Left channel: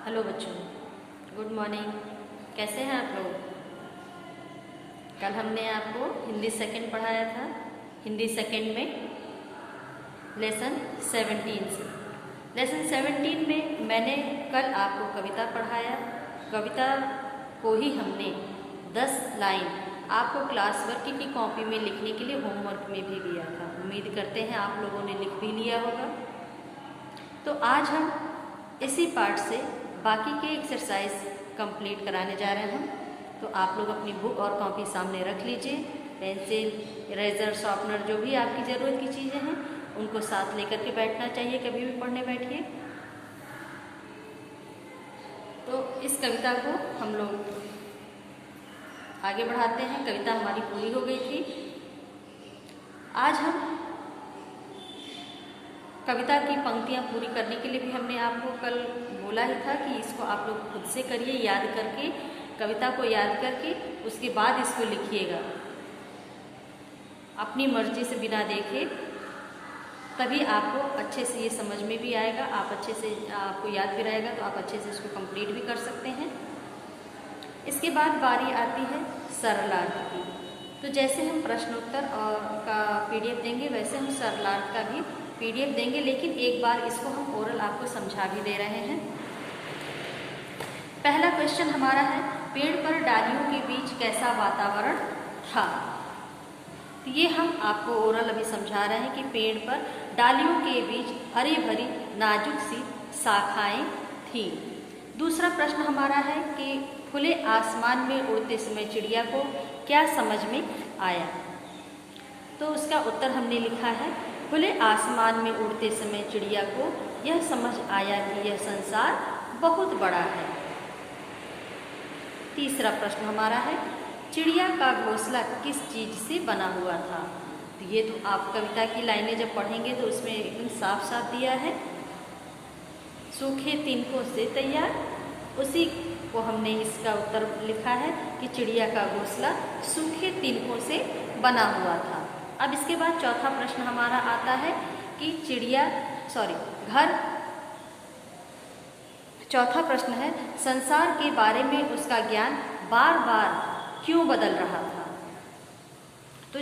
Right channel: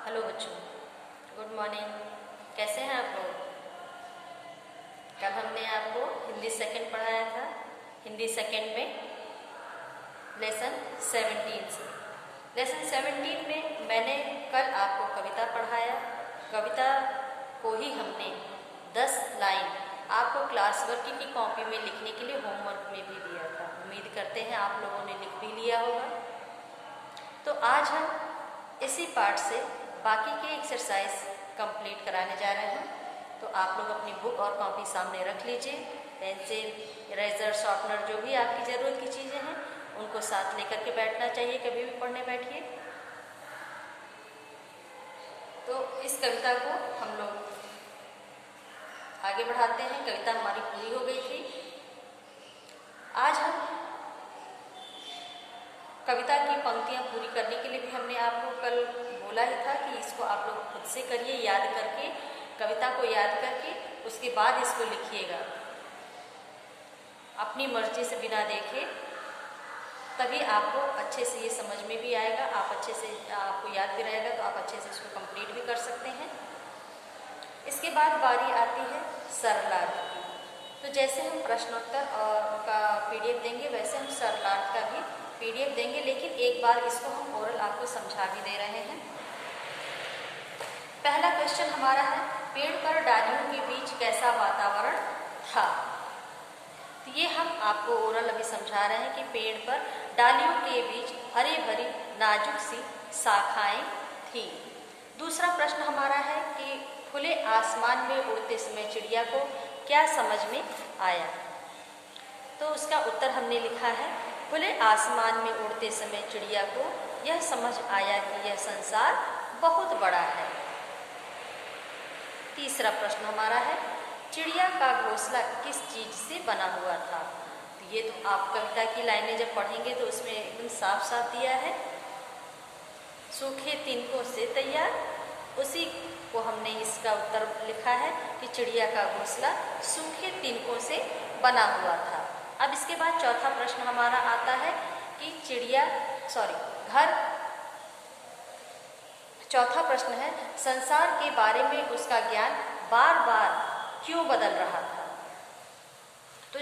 Hello बच्चों, good morning. कैसे हैं आप लोग? कल हमने आपको हिंदी सेकंड पढ़ाया था। हिंदी सेकंड में लेसन 17 से लेसन 17 में मैंने कल आपको कविता पढ़ाया। कविता को ही हमने 10 लाइन आपको क्लास वर्क की कॉपी में लिखने के लिए होमवर्क में भी दिया था। उम्मीद करते हैं आप लोगों ने लिख भी लिया होगा। तो आज हम इसी पार्ट से बाकी के एक्सरसाइज कंप्लीट कराने जा रहे हैं। तो आप लोग अपनी बुक और कॉपी सामने रख लीजिए। पेंसिल, इरेजर, शार्पनर, जो भी आपकी ज़रूरत की चीज़ें हैं उनको साथ लेकर के बैठना चाहिए कभी भी पढ़ने बैठिए। तो इस कविता को हम लोग आगे बढ़ाते हैं। कविता हमारी पूरी हो गई थी। आज हम कविता की पंक्तियाँ पूरी करने के लिए भी हमने आपको कल बोला ही था कि इसको आप लोग खुद से करिए, याद करके, कविता को याद करके उसके बाद इसको लिखिएगा अपनी मर्जी से, बिना देखे। तभी आपको अच्छे से ये समझ में भी आएगा, आप अच्छे से, आपको याद भी रहेगा तो आप अच्छे से इसको कंप्लीट भी कर सकते हैं। इसके बाद बारी आती है सरलार्थ की। तो जैसे हम प्रश्नोत्तर का पीडीएफ देंगे वैसे हम सरलार्थ का भी पीडीएफ देंगे, लेकिन एक बार इसको हम ओरल आपको समझा भी दे रहे हैं। पहला क्वेश्चन हमारा है, पेड़ पर डालियों के बीच कैसा वातावरण था। तो ये हम आपको ओरल अभी समझा रहे हैं कि पेड़ पर डालियों के बीच हरी भरी नाजुक सी शाखाएं थी। दूसरा प्रश्न हमारा है कि खुले आसमान में उड़ते समय चिड़िया को क्या समझ में आया। तो उसका उत्तर हमने लिखा है, खुले आसमान में उड़ते समय चिड़िया को यह समझ आया कि यह संसार बहुत बड़ा है। तीसरा प्रश्न हमारा है, चिड़िया का घोंसला किस चीज से बना हुआ था। तो ये तो आप कविता की लाइनें जब पढ़ेंगे तो उसमें एकदम साफ साफ दिया है, सूखे तिनकों से तैयार। उसी को हमने इसका उत्तर लिखा है कि चिड़िया का घोंसला सूखे तिनकों से बना हुआ था। अब इसके बाद चौथा प्रश्न हमारा आता है कि चौथा प्रश्न है, संसार के बारे में उसका ज्ञान बार बार क्यों बदल रहा था। तो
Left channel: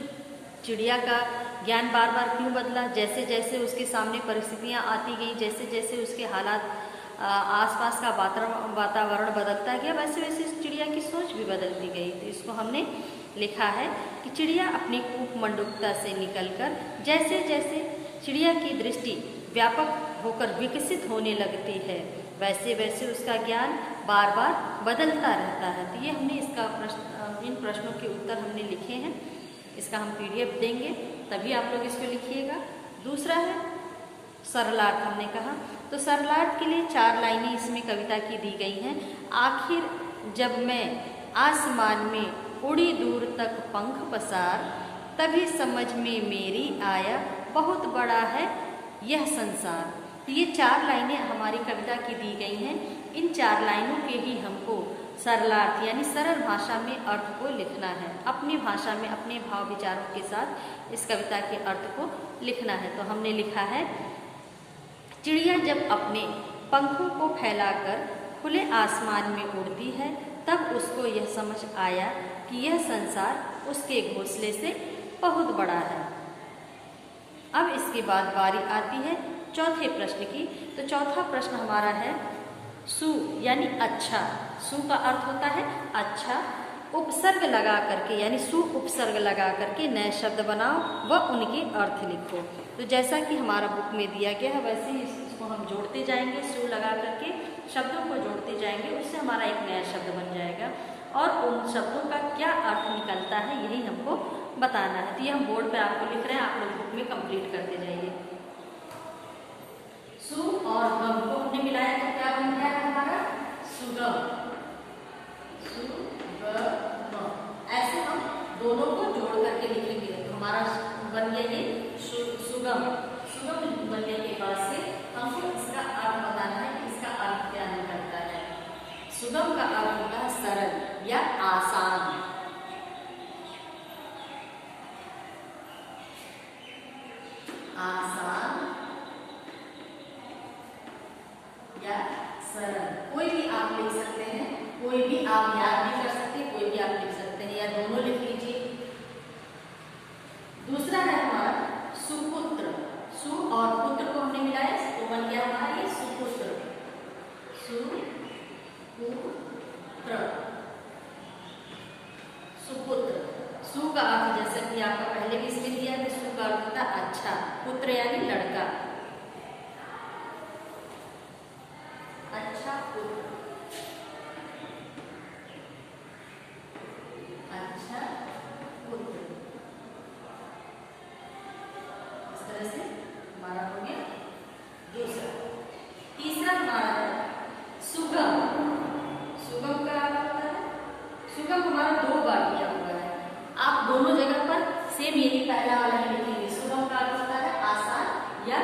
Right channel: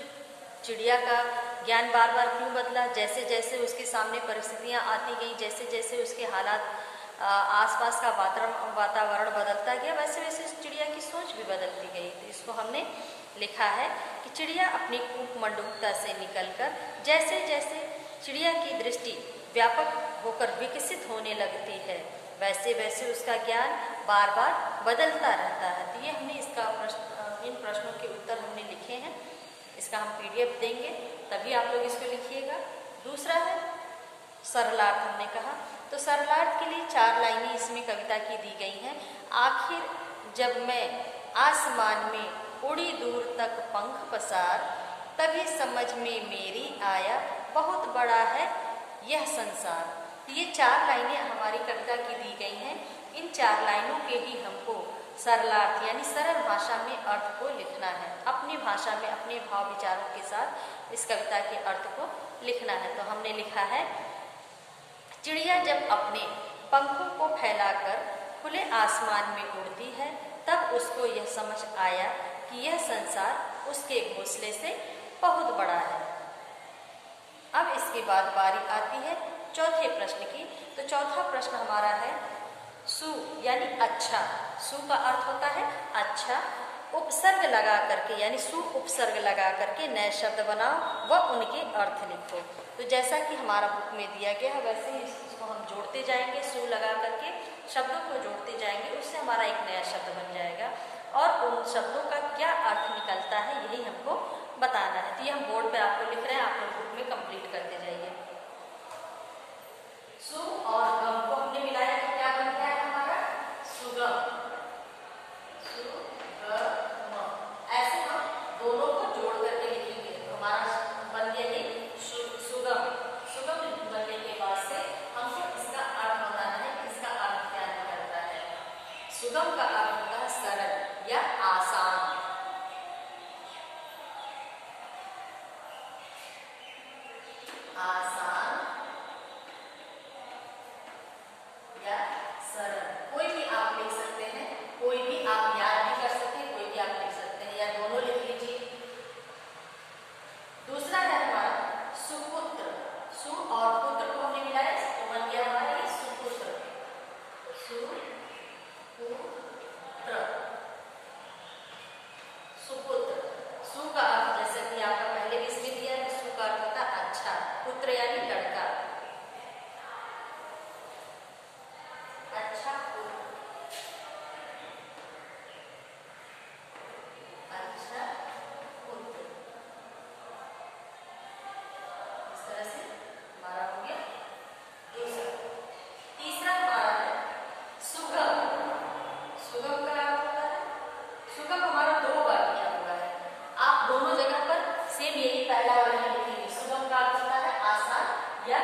चिड़िया का ज्ञान बार बार क्यों बदला, जैसे जैसे उसके सामने परिस्थितियां आती गई, जैसे जैसे उसके हालात, आसपास का वातावरण बदलता गया, वैसे वैसे चिड़िया की सोच भी बदलती गई। तो इसको हमने लिखा है कि चिड़िया अपनी कूपमंडूकता से निकलकर जैसे जैसे चिड़िया की दृष्टि व्यापक होकर विकसित होने लगती है वैसे वैसे उसका ज्ञान बार बार बदलता रहता है। तो ये हमने इन प्रश्नों के उत्तर हमने लिखे हैं। इसका हम पीडीएफ देंगे तभी आप लोग इसको लिखिएगा। दूसरा है सरलार्थ, हमने कहा तो सरलार्थ के लिए 4 लाइनें इसमें कविता की दी गई हैं। आखिर जब मैं आसमान में उड़ी दूर तक पंख पसार, तभी समझ में मेरी आया बहुत बड़ा है यह संसार। तो ये 4 लाइनें हमारी कविता की दी गई हैं। इन 4 लाइनों के ही हमको सरलार्थ यानी सरल भाषा में अर्थ को लिखना है, अपनी भाषा में अपने भाव विचारों के साथ इस कविता के अर्थ को लिखना है। तो हमने लिखा है, चिड़िया जब अपने पंखों को फैलाकर खुले आसमान में उड़ती है तब उसको यह समझ आया कि यह संसार उसके घोंसले से बहुत बड़ा है। अब इसके बाद बारी आती है चौथे प्रश्न की। तो चौथा प्रश्न हमारा है, सु यानी अच्छा। सु का अर्थ होता है अच्छा। उपसर्ग लगा करके यानी सु उपसर्ग लगा करके नए शब्द बनाओ व उनके अर्थ लिखो। तो जैसा कि हमारा बुक में दिया गया है वैसे ही इसको हम जोड़ते जाएंगे, सु लगा करके शब्दों को जोड़ते जाएंगे, उससे हमारा एक नया शब्द बन जाएगा और उन शब्दों का क्या अर्थ निकलता है यही हमको बताना है। तो ये हम बोर्ड पे आपको लिख रहे हैं, आप लोग बुक में कंप्लीट करते जाइए। सु और गम को हमने मिलाया तो क्या बन गया हमारा, सुगम। ऐसे हम दोनों को जोड़ करके लिखेंगे तो हमारा बन गया ये सुगम। सुगम बनने के बाद से हमको इसका अर्थ बताना है कि इसका अर्थ क्या निकलता है। सुगम का अर्थ होता है सरल या आसान। आसान या सरल, कोई लिख सकते हैं, कोई भी आप याद भी कर सकते हैं, कोई भी आप लिख सकते हैं, या दोनों लिख लीजिए। दूसरा है हमारा सुपुत्र। सु और पुत्र को हमने मिलाया, तो बन गया हमारा ये सुपुत्र। सुपुत्र, सुपुत्र। सु का अर्थ जैसे कि आपका पहले भी इसमें दिया है, सु का अर्थ होता है अच्छा, पुत्र यानी लड़का, अच्छा पुत्र, अच्छा पुत्र। इस तरह से हमारा हो गया दूसरा। तीसरा हमारा है सुगम। सुगम का अर्थ होता है, सुगम हमारा 2 बार दिया हुआ है, आप दोनों जगह पर सेम यही पहला वाला ही लिखेंगे। सुगम का अर्थ होता है आसान या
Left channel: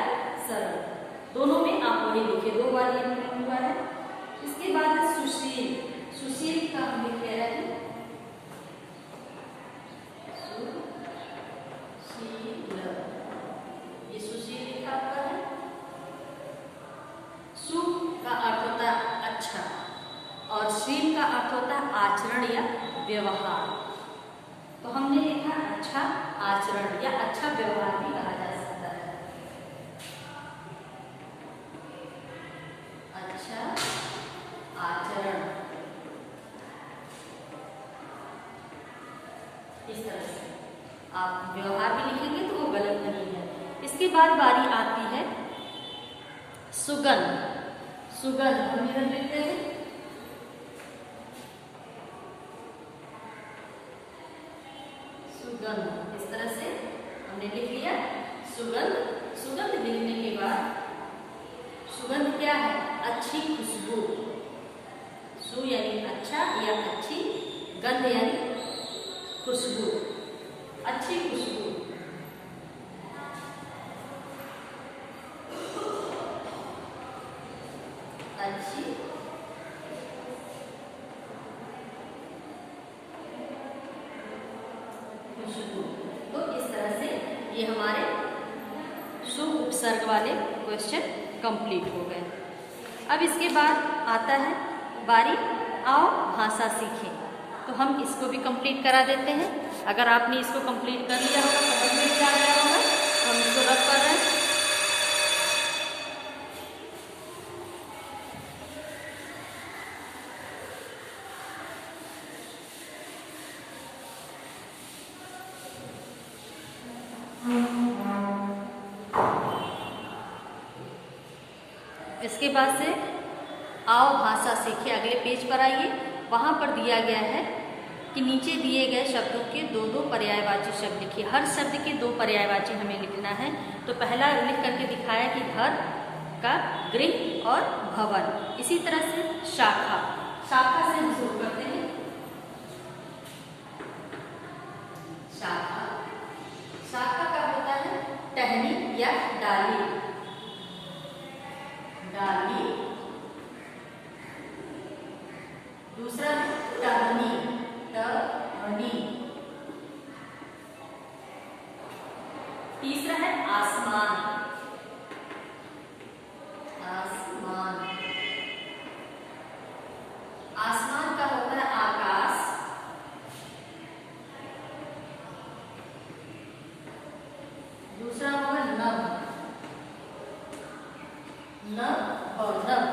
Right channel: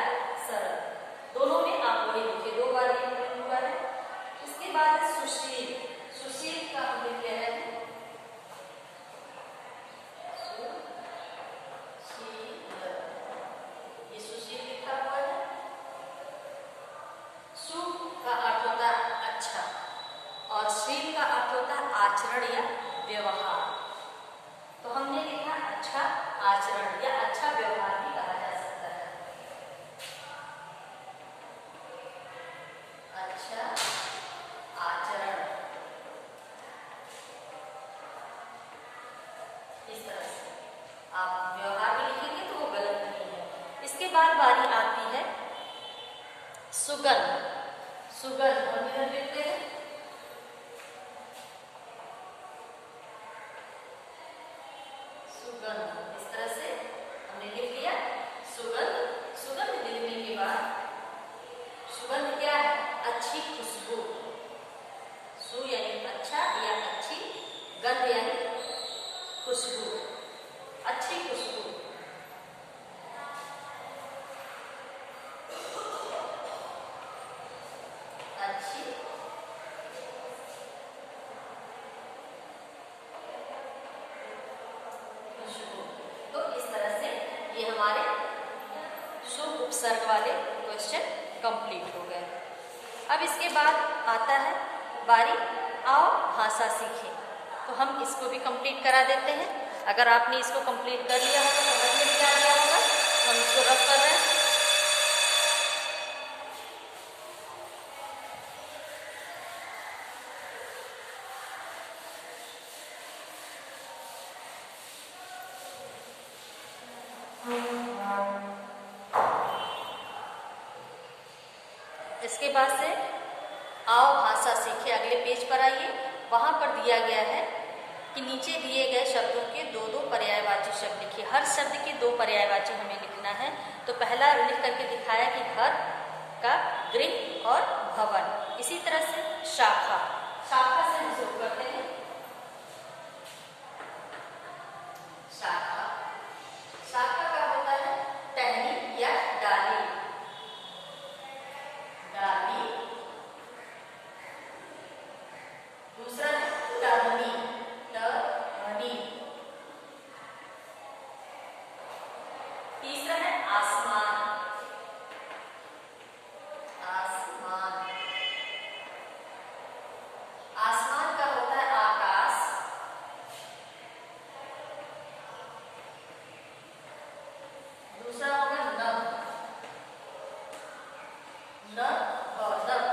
सरल, दोनों में आप वही लिखिए, 2 बार ये हुआ है। इसके बाद है सुशील। सुशील का हम लिख रहे हैं सुशील, ये सुशील लिखा हुआ है। सु का अर्थ होता है अच्छा, और शील का अर्थ होता है आचरण या व्यवहार। तो हमने लिखा अच्छा आचरण या अच्छा व्यवहार भी कहा जा सकता है। अच्छा आचरण, इस तरह से आप व्यवहार भी लिखेंगे तो वो गलत नहीं है। इसके बाद बारी आती है सुगंध। सुगंध हम इधर लिखते हैं सुगंध, इस तरह से हमने लिख लिया सुगंध। सुगंध लिखने के बाद सुगंध क्या है, अच्छी खुशबू। सु यानी अच्छा या अच्छी, गंध यानी खुशबू, अच्छी खुशबू। अच्छी खुशबू। तो इस तरह से ये हमारे शुभ उपसर्ग वाले क्वेश्चन कंप्लीट हो गए। अब इसके बाद आता है बारी आओ भाषा सीखें, तो हम इसको भी कंप्लीट करा देते हैं। अगर आपने इसको कंप्लीट कर लिया होगा, समझ में भी आ गया होगा, तो हम इसको रख कर रहे हैं। इसके बाद से आओ भाषा सीखे, अगले पेज पर आइए। वहां पर दिया गया है कि नीचे दिए गए शब्दों के 2-2 पर्यायवाची शब्द लिखिए। हर शब्द के 2 पर्यायवाची हमें लिखना है। तो पहला लिख करके दिखाया कि घर का गृह और भवन। इसी तरह से शाखा, शाखा से हम शुरू करते हैं। शाखा, शाखा का होता है टहनी या डाली, डाली। दूसरा है टहनी, टहनी। तीसरा है आसमान, आसमान। आसमान का होता है आकाश। दूसरा होगा नभ, नभ और नभ।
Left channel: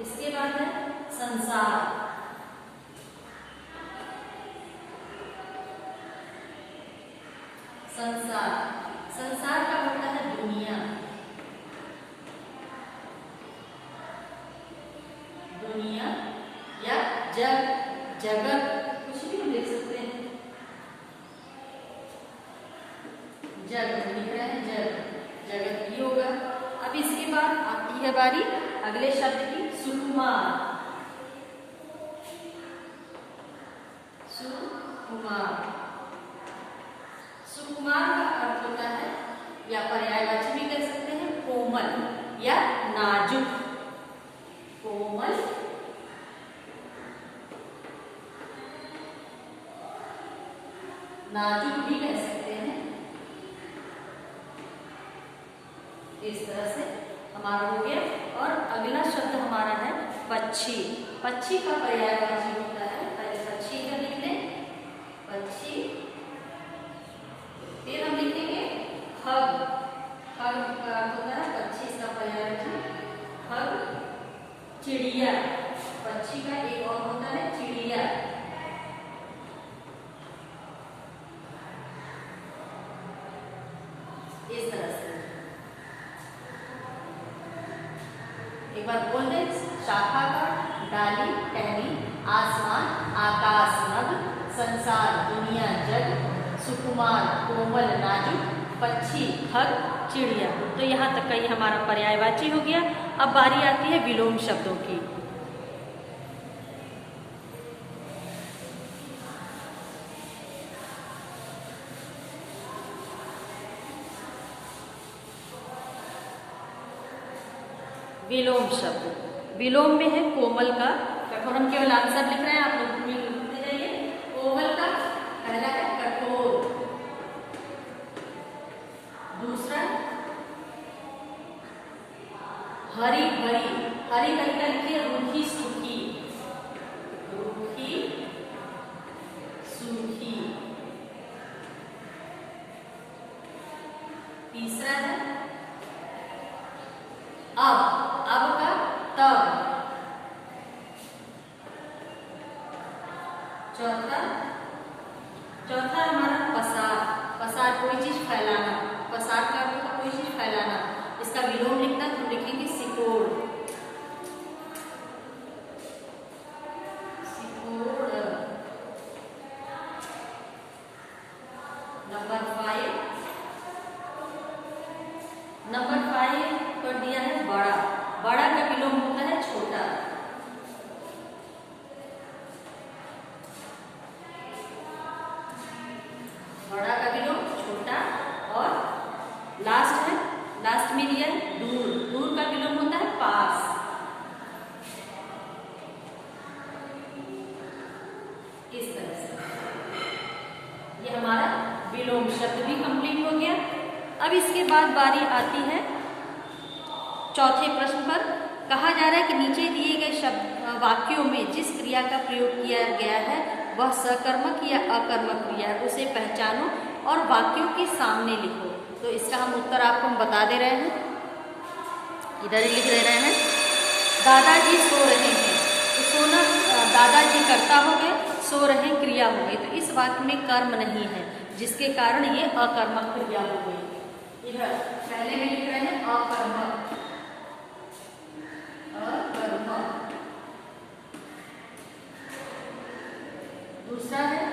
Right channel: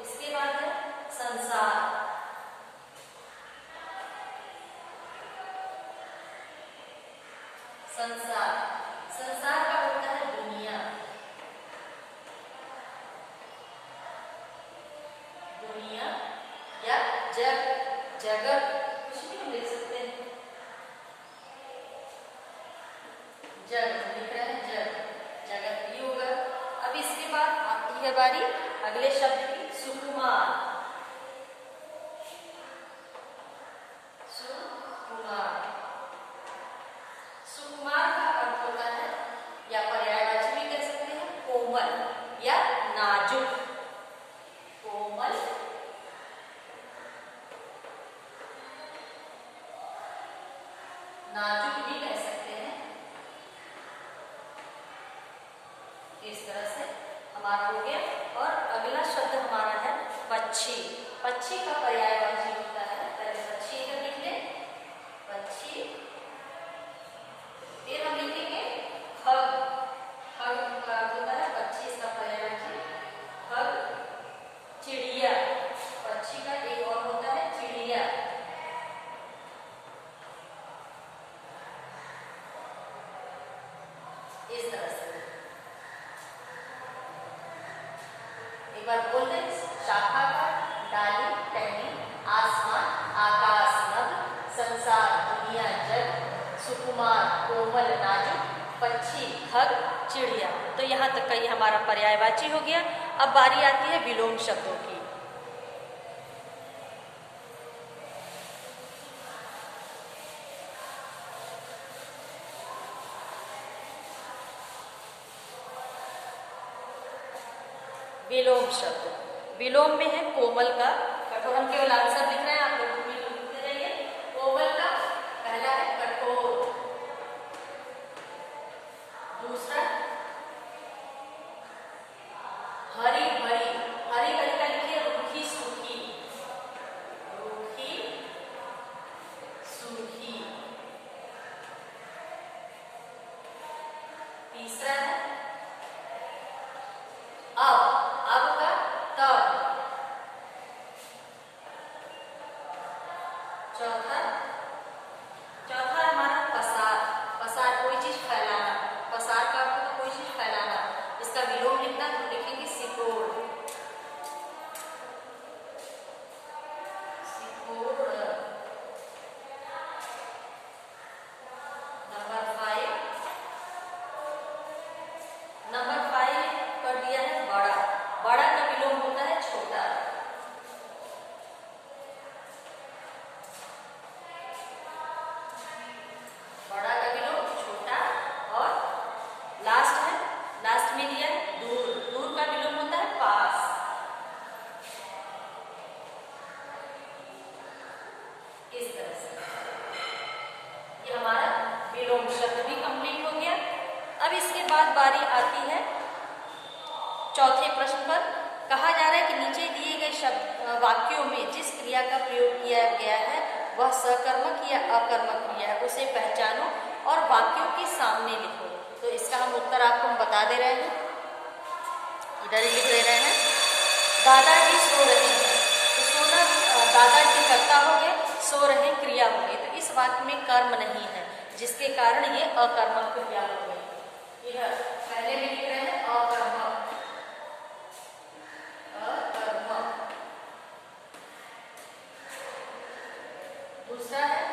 इसके बाद है संसार, संसार। संसार का होता है दुनिया, दुनिया या जग, जगत, कुछ भी हम लिख सकते हैं। जग लिख रहे हैं, जग, जगत भी होगा। अब इसके बाद आती है बारी अगले शब्द की, सुकुमार। सुकुमार, सुकुमार का अर्थ होता है या पर्यायवाची भी कह सकते हैं कोमल या नाजुक, कोमल, नाजुक भी कह सकते हैं। इस तरह से हमारा हो गया। और अगला शब्द हमारा है पक्षी। पक्षी का पर्यायवाची होता है, पहले पक्षी इधर लिख लें, पक्षी, फिर हम लिखेंगे खग। खग का अर्थ होता है पक्षी, इसका पर्यायवाची खग। चिड़िया, पक्षी का एक और होता है चिड़िया। इस तरह से एक बार बोल दें, शाखा का, डाली, टहनी, आसमान, आकाश, नभ, संसार, दुनिया, जग, सुकुमार, कोमल, नाजुक, पक्षी, खग, चिड़िया। तो यहाँ तक का ये हमारा पर्यायवाची हो गया। अब बारी आती है विलोम शब्दों की। विलोम शब्द, विलोम में है कोमल का, कठोर। हम केवल आंसर लिख रहे हैं, आप लोग लिखते जाइए। कोमल का पहला है कठोर, दूसरा हरी भरी, हरी भरी का लिखिए रूखी सूखी, रूखी सूखी। तीसरा है अब का तब। चौथा हमारा पसार, पसार कोई चीज फैलाना, पसार का अर्थ है कोई चीज फैलाना। इसका विलोम लिखना तो लिखेंगे सिकोड़, सिकोड़। नंबर 5 पर दिया है बड़ा। बड़ा का विलोम होता है छोटा। बड़ा का विलोम छोटा। और लास्ट है, लास्ट में दिया है दूर। दूर का विलोम होता है पास। इस तरह से ये हमारा विलोम शब्द भी कंप्लीट हो गया। अब इसके बाद बारी आती है चौथे प्रश्न पर। कहा जा रहा है कि नीचे दिए गए शब्द वाक्यों में जिस क्रिया का प्रयोग किया गया है वह सकर्मक या अकर्मक क्रिया है, उसे पहचानो और वाक्यों के सामने लिखो। तो इसका हम उत्तर आपको हम बता दे रहे हैं, इधर ही लिख दे रहे हैं। दादाजी सो रहे हैं, तो सोना दादाजी कर्ता हो गए, सो रहे क्रिया हो गई। तो इस वाक्य में कर्म नहीं है, जिसके कारण ये अकर्मक क्रिया हो गई। इधर पहले में लिख रहे हैं अकर्मक, अकर्मक। दूसरा है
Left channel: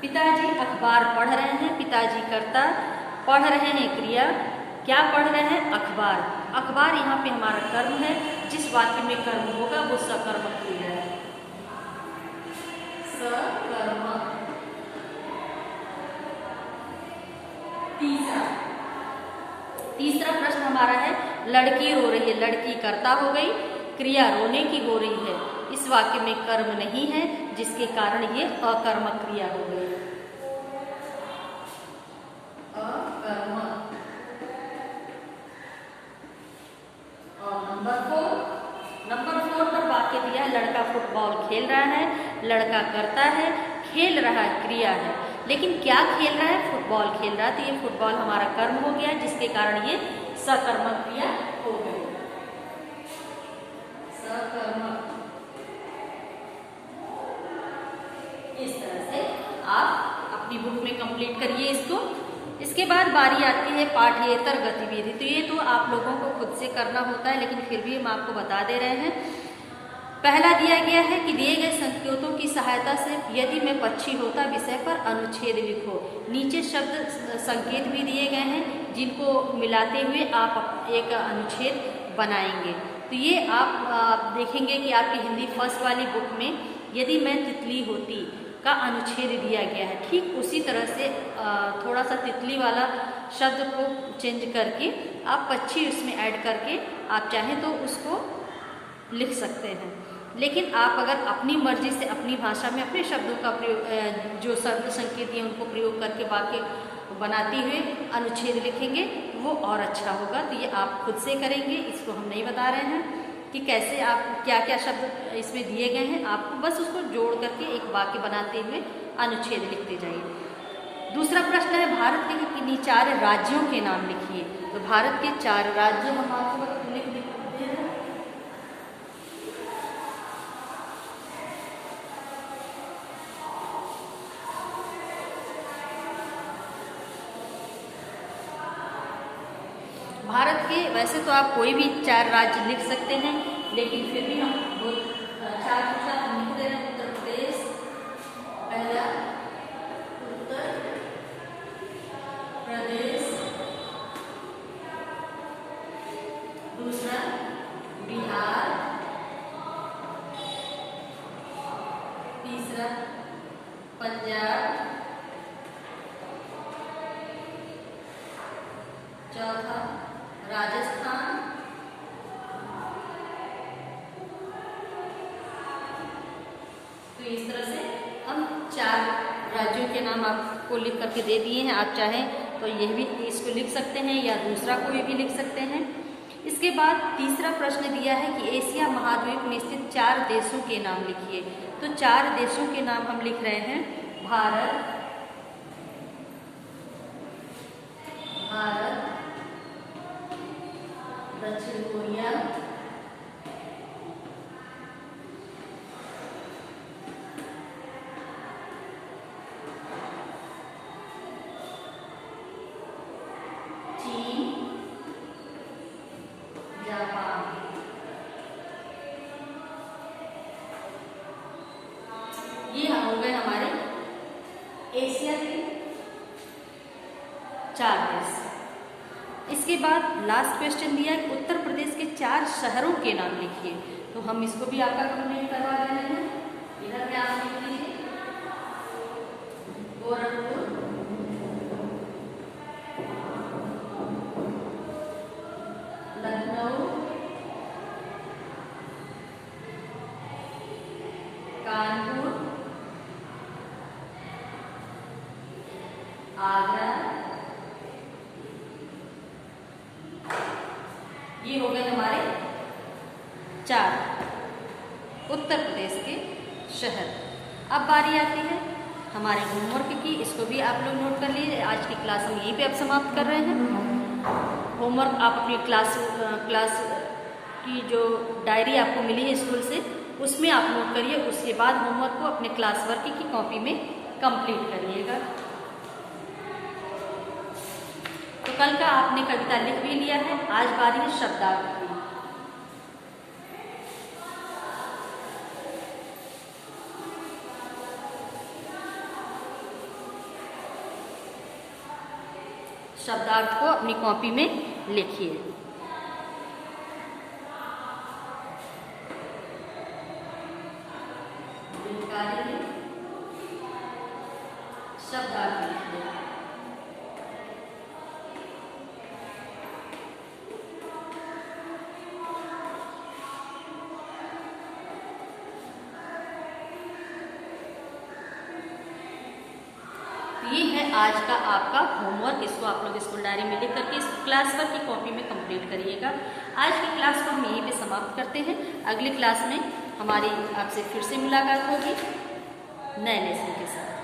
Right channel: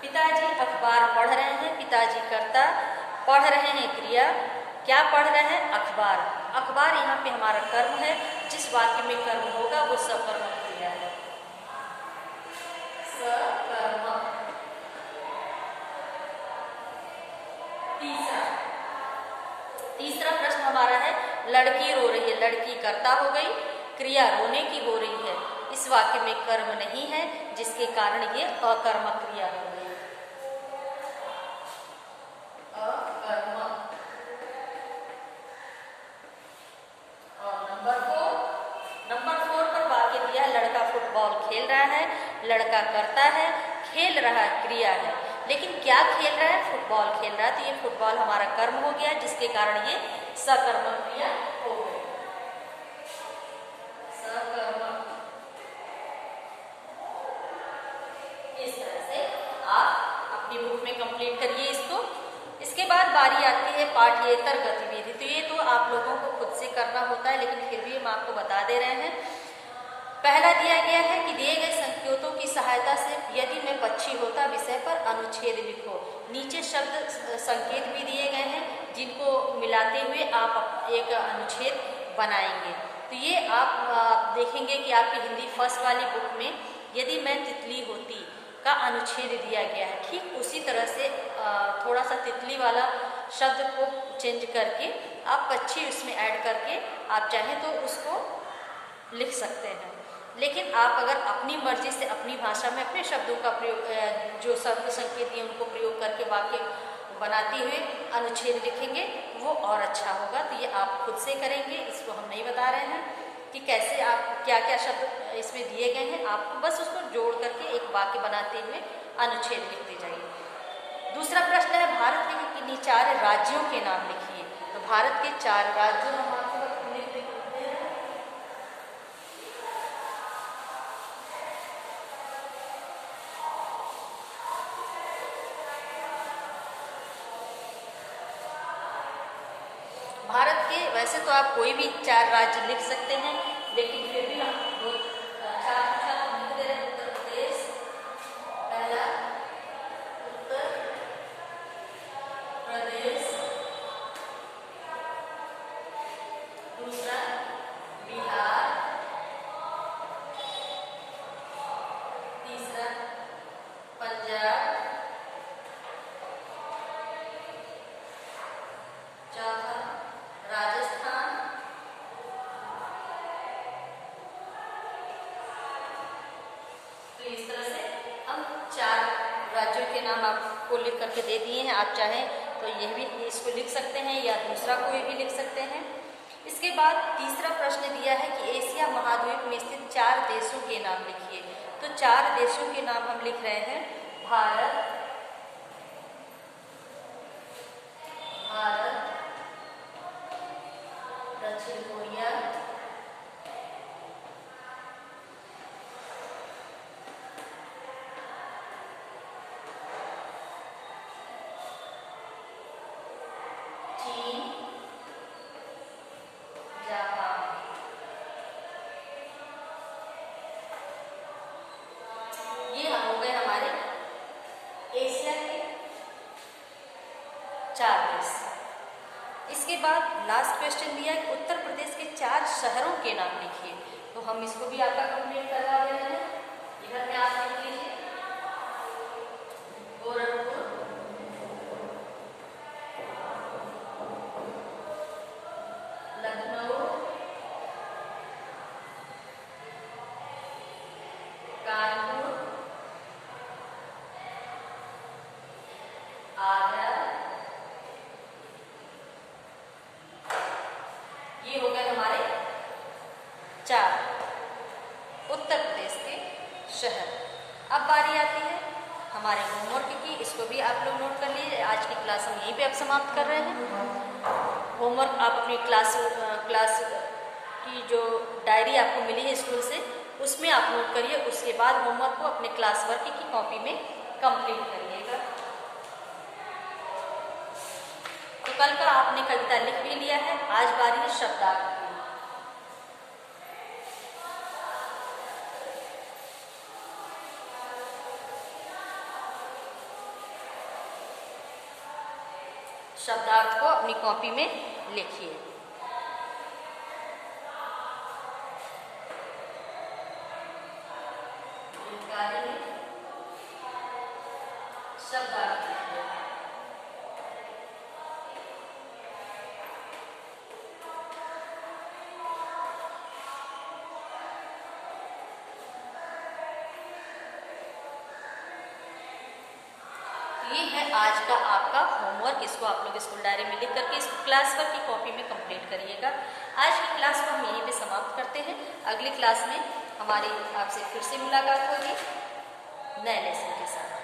पिताजी अखबार पढ़ रहे हैं, पिताजी कर्ता, पढ़ रहे हैं क्रिया। क्या पढ़ रहे हैं? अखबार। अखबार यहाँ पे हमारा कर्म है, जिस वाक्य में कर्म होगा वो सकर्मक क्रिया है, सकर्मक। तीसरा प्रश्न हमारा है लड़की रो रही है, लड़की कर्ता हो गई, क्रिया रोने की हो रही है। इस वाक्य में कर्म नहीं है, जिसके कारण ये अकर्मक क्रिया हो गई, अकर्मक। और नंबर 4 पर वाक्य दिया लड़का फुटबॉल खेल रहा है, लड़का करता है, खेल रहा है क्रिया है। लेकिन क्या खेल रहा है? फुटबॉल खेल रहा है। तो ये फुटबॉल हमारा कर्म हो गया, जिसके कारण ये सकर्मक क्रिया हो गई, सकर्मक। इस तरह से आप अपनी बुक में कंप्लीट करिए इसको। इसके बाद बारी आती है पाठ्येतर गतिविधि। तो ये तो आप लोगों को खुद से करना होता है, लेकिन फिर भी हम आपको बता दे रहे हैं। पहला दिया गया है कि दिए गए संकेतों की सहायता से यदि मैं पक्षी होता विषय पर अनुच्छेद लिखो। नीचे शब्द संकेत भी दिए गए हैं, जिनको मिलाते हुए आप एक अनुच्छेद बनाएंगे। तो ये आप देखेंगे कि आपकी हिंदी फर्स्ट वाली बुक में यदि मैं तितली होती का अनुच्छेद दिया गया है। ठीक उसी तरह से थोड़ा सा तितली वाला शब्द को चेंज करके आप पक्षी उसमें ऐड करके आप चाहें तो उसको लिख सकते हैं। लेकिन आप अगर अपनी मर्जी से अपनी भाषा में अपने शब्दों का प्रयोग, जो शब्द संकेत दिए उनको प्रयोग करके वाक्य बनाते हुए अनुच्छेद लिखेंगे, वो और अच्छा होगा। तो ये आप खुद से करेंगे, इसको हम नहीं बता रहे हैं। कि कैसे आप क्या क्या शब्द इसमें दिए गए हैं, आपको बस उसको जोड़ करके एक वाक्य बनाते हुए अनुच्छेद लिखते जाइए। दूसरा प्रश्न है भारत के किन्हीं 4 राज्यों के नाम लिखिए। तो भारत के 4 राज्य हम आपको लिख देते हैं। भारत के वैसे तो आप कोई भी 4 राज्य लिख सकते हैं, लेकिन फिर भी हम 4 लिख रहे हैं। उत्तर प्रदेश पहला, उत्तर प्रदेश, दूसरा बिहार, तीसरा पंजाब, चौथा राजस्थान, तो इस तरह से हम 4 राज्यों के नाम आपको लिख करके दे दिए हैं। आप चाहें तो यह भी इसको लिख सकते हैं या दूसरा कोई भी लिख सकते हैं। इसके बाद तीसरा प्रश्न दिया है कि एशिया महाद्वीप में स्थित 4 देशों के नाम लिखिए। तो 4 देशों के नाम हम लिख रहे हैं। भारत, दक्षिण कोरिया, चीन, जापान। ये हो गए हमारे एशिया के 4 देश। इसके बाद लास्ट क्वेश्चन दिया है उत्तर प्रदेश के 4 शहरों के नाम लिखिए। तो हम इसको भी आपका कंप्लीट करवा रहे हैं। इधर में आप लिख लीजिए गोरखपुर, लखनऊ, कानपुर, आगरा। ये हो गए हमारे 4 उत्तर प्रदेश के शहर। अब बारी आती है हमारे होमवर्क की। इसको भी आप लोग नोट कर लीजिए। आज की क्लास हम यहीं पे अब समाप्त कर रहे हैं। होमवर्क आप अपनी क्लास की जो डायरी आपको मिली है स्कूल से, उसमें आप नोट करिए। उसके बाद होमवर्क को अपने क्लास वर्क की कॉपी में कंप्लीट करिएगा। तो कल का आपने कविता लिख भी लिया है। आज बारी है शब्दार्थ की। शब्दार्थ को अपनी कॉपी में लिखिए। शब्दार्थ लिखिए। ये है आज का आपका होमवर्क। इसको आप लोग स्कूल डायरी में लिख करके इस क्लास वर्क की कॉपी में कंप्लीट करिएगा। आज की क्लास को हम यहीं पे समाप्त करते हैं। अगली क्लास में हमारी आपसे फिर से मुलाकात होगी नए लेसन के साथ।